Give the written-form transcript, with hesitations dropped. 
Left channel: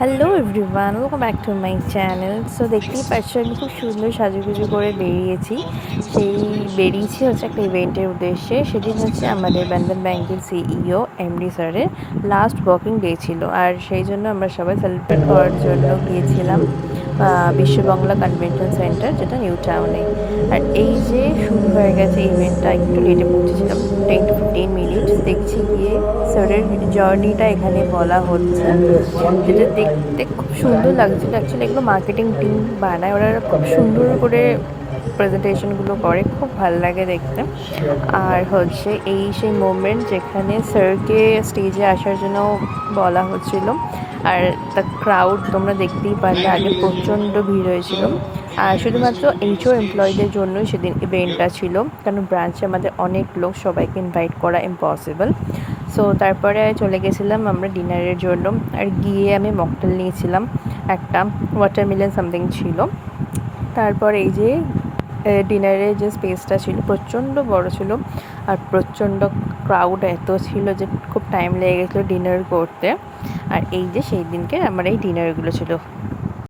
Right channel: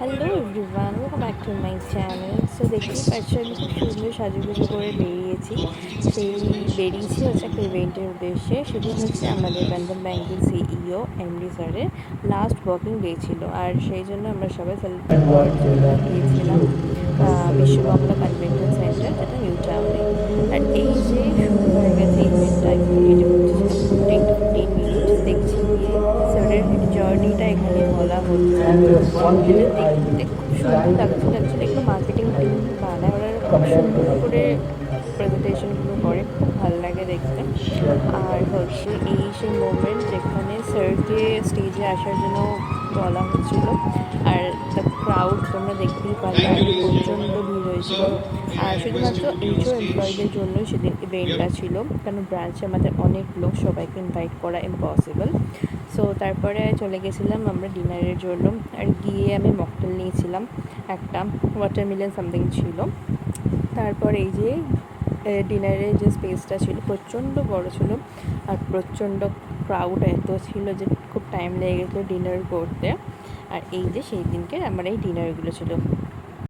Hello everyone, welcome back to my channel. So দেখতেই পাচ্ছ আমি খুব সুন্দর সাজুগুজু করে বেরিয়েছি। বেরিয়েছি হচ্ছে একটা ইভেন্টের উদ্দেশ্যে। সেদিন হচ্ছে আমাদের বন্ধন ব্যাংকের সিইও এমডি স্যারের লাস্ট ওয়ার্কিং ডে ছিল, আর সেই জন্য আমরা সবাই সেলিব্রেট করার জন্য গিয়েছিলাম বিশ্ববাংলা কনভেনশন সেন্টার, যেটা নিউ টাউনে। আর এই যে শুরু হয়ে গেছে ইভেন্টটা, একটু লেটে পৌঁছেছিলাম 10 to 15 মিনিটস। দেখছি গিয়ে স্যারের জার্নিটা এখানে বলা হচ্ছে, যেটা দেখতে খুব সুন্দর লাগছিল। অ্যাকচুয়ালি এগুলো মার্কেটিং টিম বানায়, ওরা খুব সুন্দর করে প্রেজেন্টেশনগুলো করে, খুব ভালো লাগে দেখতে। আর হচ্ছে এই সেই মোমেন্ট যেখানে স্যারকে স্টেজে আসার জন্য বলা হচ্ছিল। আর দ্য ক্রাউড তোমরা দেখতেই পারলে, আগে প্রচণ্ড ভিড় হয়েছিল। আর শুধুমাত্র এইচও এমপ্লয়ীদের জন্যই সেদিন ইভেন্টটা ছিল, কারণ ব্রাঞ্চে আমাদের অনেক লোক, সবাইকে ইনভাইট করা ইম্পসিবল। সো তারপরে চলে গেছিলাম আমরা ডিনারের জন্য। আর গিয়ে আমি মকটেল নিয়েছিলাম একটা, ওয়াটারমেলন সামথিং ছিল। তারপর এই যে ডিনারের যে স্পেসটা ছিল প্রচণ্ড বড় ছিল, আর প্রচণ্ড ক্রাউড এত ছিল যে খুব টাইম লেগে গেছিলো ডিনার করতে। আর এই যে সেই দিনকে আমার এই ডিনারগুলো ছিল।